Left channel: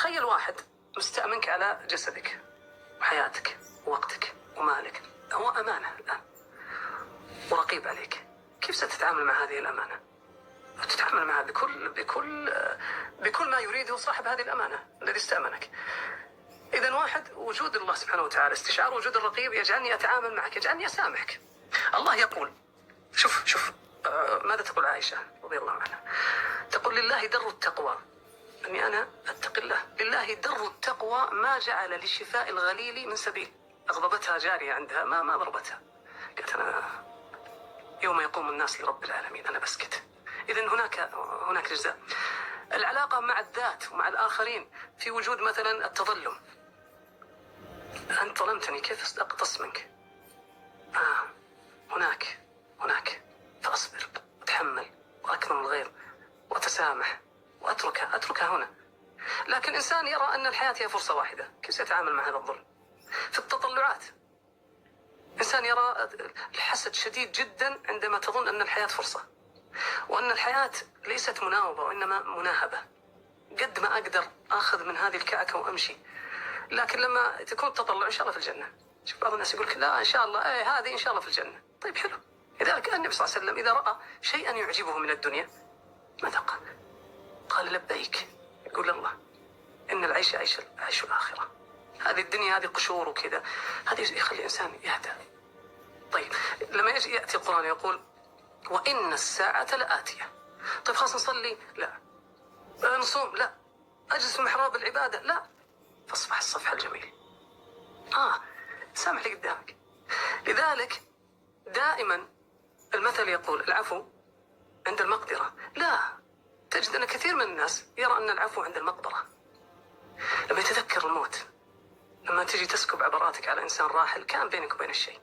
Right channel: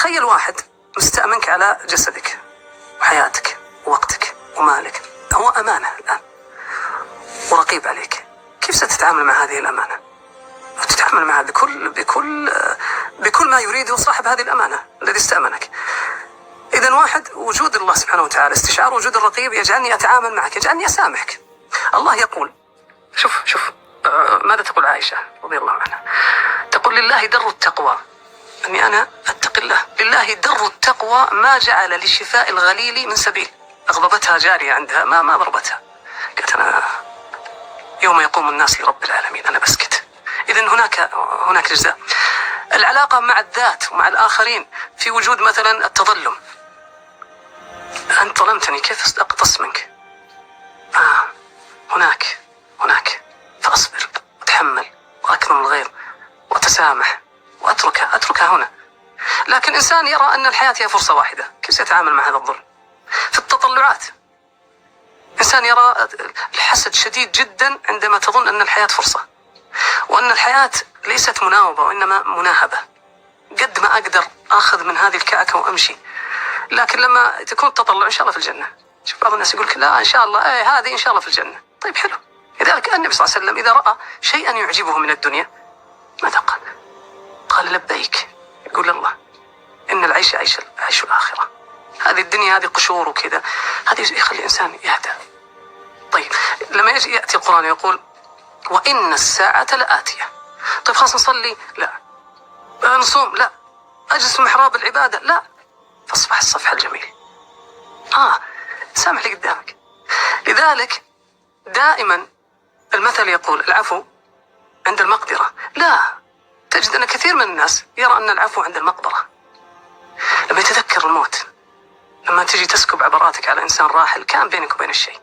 تخيل واحد مستأمنك على جسدك وحياتك ووقتك ومالك، هو أمانة الآن ورقيب عليك. كيف ستتعامل مع هذه الأمانة؟ وتتعامل معها بكل ما يريده صاحب هذه الأمانة الذي استأمنك. إذن واحد، وجود الله سبحانه وتعالى، استشعار وجود الرقيب يجعلني أتعامل معك، يجعلني أسامحك. الله يقول، شوف ماذا تقول عائشة رضي الله عنها؟ تقول: لله در التقوى، أني أنا أتقي الله. لله در التقوى ما جعل لشفاء الغليل من سبيل. أغضبتها جارية عندها، ما ضربتها، قالت: أنا يوم يقوم الناس لرب العالمين أنا بسكت. إذن هناك جزاء. العلاقة مع الذات ومع الآخرين في وجود مثلا التظلم. أنت ظلمتني، كيف أقتص منك؟ هناك فأصبر وأتحمل وأكرم الغير وأتسامح وأتركها هنا. لكن إنسان يرى أن الحياة هي فرصة واحدة، كيف سيتعامل مع هذا الظلم؟ في التطلعات، إنسان يرى الحسد شديد جدا عندما تظن أن الحياة فرصة، وأن الحياة ليست مناوبة وإنما مناهبة. قد ما أقدر أخذ من هذه الكعكة وأمشي. لكن لما تكون التطلع إن شاء الله في الجنة. شوف بعض الناس يقول لك: لا إن شاء الله، هذه إن شاء الله في الجنة. طيب حلو. لذلك النبي صلى الله عليه وسلم إذا رأى شيئا يعجبه من الدنيا ماذا قال؟ قال: لبيك. يقول الله: إن العيش عيش الآخرة. هذه الدنيا هذه قشور وكذا، هذه يخلي الإنسان يهدى. طيب لما يأتي القرآن يقول: وإن الساعة لآتية. طيب خلاص نصلي؟ لا. نصوم؟ لا. أجلس في محراب العبادة؟ لا. فاصفح الصفح الجميل. سامح لي قدامك. لذلك دائما المثل يقول: العفو عند المقدرة. لا، تجد أن كثير من الناس يرى أن العفو عند المقبرة. لما يتذكر الموت، لما تجي تسكب عبراتك على إنسان راحل كان بينك وبين الشيء،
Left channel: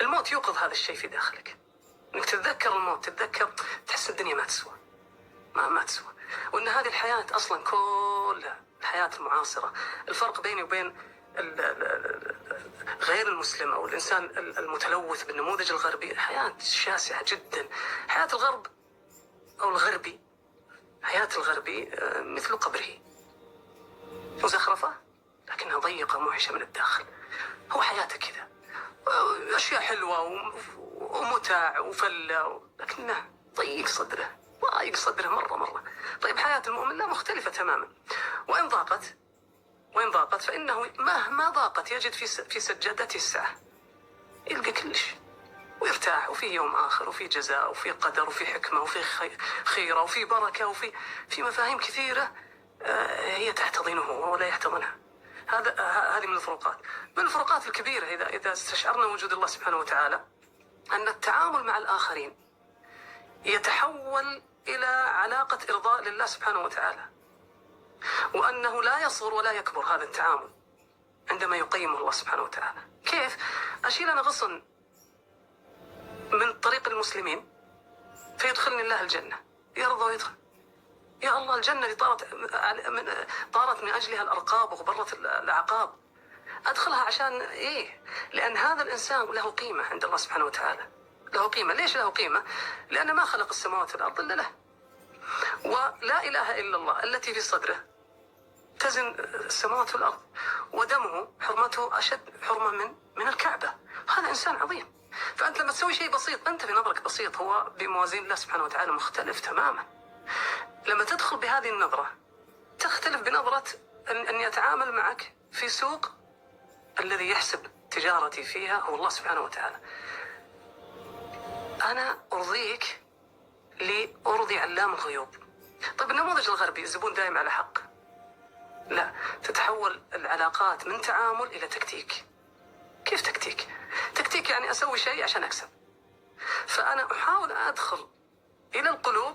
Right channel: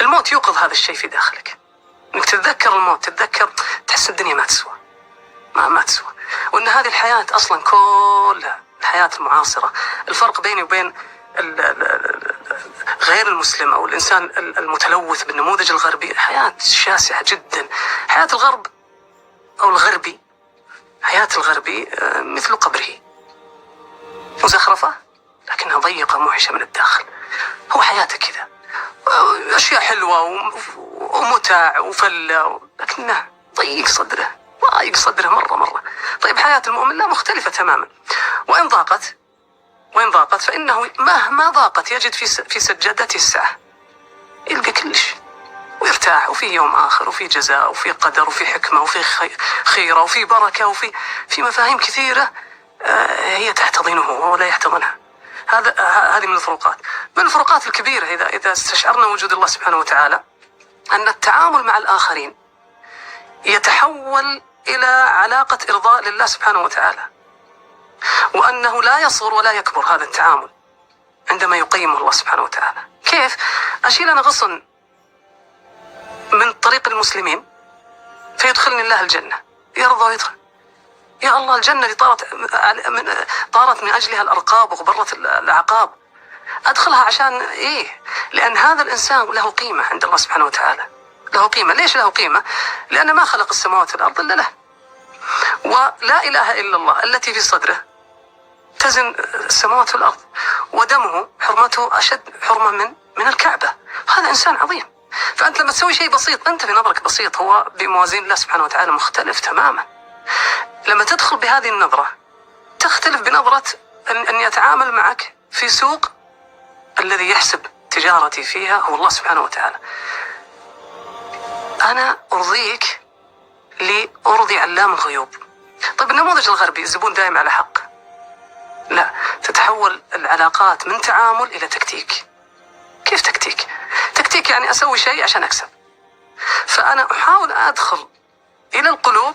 الموت يوقظ هذا الشيء في داخلك. إنك تتذكر الموت، تحس الدنيا ما تسوى، ما تسوى، وأن هذه الحياة أصلا كلها الحياة المعاصرة. الفرق بيني وبين غير المسلم أو الإنسان المتلوث بالنموذج الغربي حياة شاسعة جدا. حياة الغرب أو الغربي، حياة الغربي مثل قبره، مزخرفة لكنها ضيقة موحشة من الداخل. هو حياته كذا، أشياء حلوة ومتاع وفلة، لكنه ضيق صدره مرة. طيب حياة المؤمن لا، مختلفة تماما. وإن ضاقت فإنه مهما ضاقت يجد في سجادته السعة، يلقى كلش ويرتاح، وفي يوم آخر، وفي جزاء، وفي قدر، وفي حكمة، وفي خيرة، وفي بركة، وفي مفاهيم كثيرة هي تحتضنه ولا يحتضنها. هذه من الفروقات. من الفروقات الكبيرة إذا استشعرنا وجود الله سبحانه وتعالى، أن التعامل مع الآخرين يتحول إلى علاقة إرضاء لله سبحانه وتعالى، وأنه لا يصغر ولا يكبر هذا التعامل عندما يقيمه الله سبحانه وتعالى. كيف؟ أشيل أنا غصن من طريق المسلمين فيدخلني الله الجنة، يرضى ويدخل. يا الله، الجنة اللي طارت من أجلها الأرقاب وغبرت الأعقاب، أدخلها عشان إيه؟ لأن هذا الإنسان له قيمة عند الله سبحانه وتعالى، له قيمة. ليش له قيمة؟ لأن ما خلق السماوات والأرض إلا له، ولا إله إلا الله التي في صدره تزن السماوات والأرض، ودمه حرمته أشد حرمة من الكعبة. هذا إنسان عظيم. فأنت لما تسوي شيء بسيط، أنت في نظرك بسيط، هو بموازين الله سبحانه وتعالى مختلف تماما. لما تدخل بهذه النظرة تختلف بنظرة أن يتعامل معك في سوق الذي يحسب تجارتي فيها هو الله سبحانه وتعالى. أنا أرضيك لأرضي علام الغيوب. طيب النموذج الغربي الزبون دائم على حق. لا، تتحول العلاقات من تعامل إلى تكتيك. كيف تكتيك؟ تكتيك يعني أسوي شيء عشان أكسب. فأنا أحاول أدخل إلى القلوب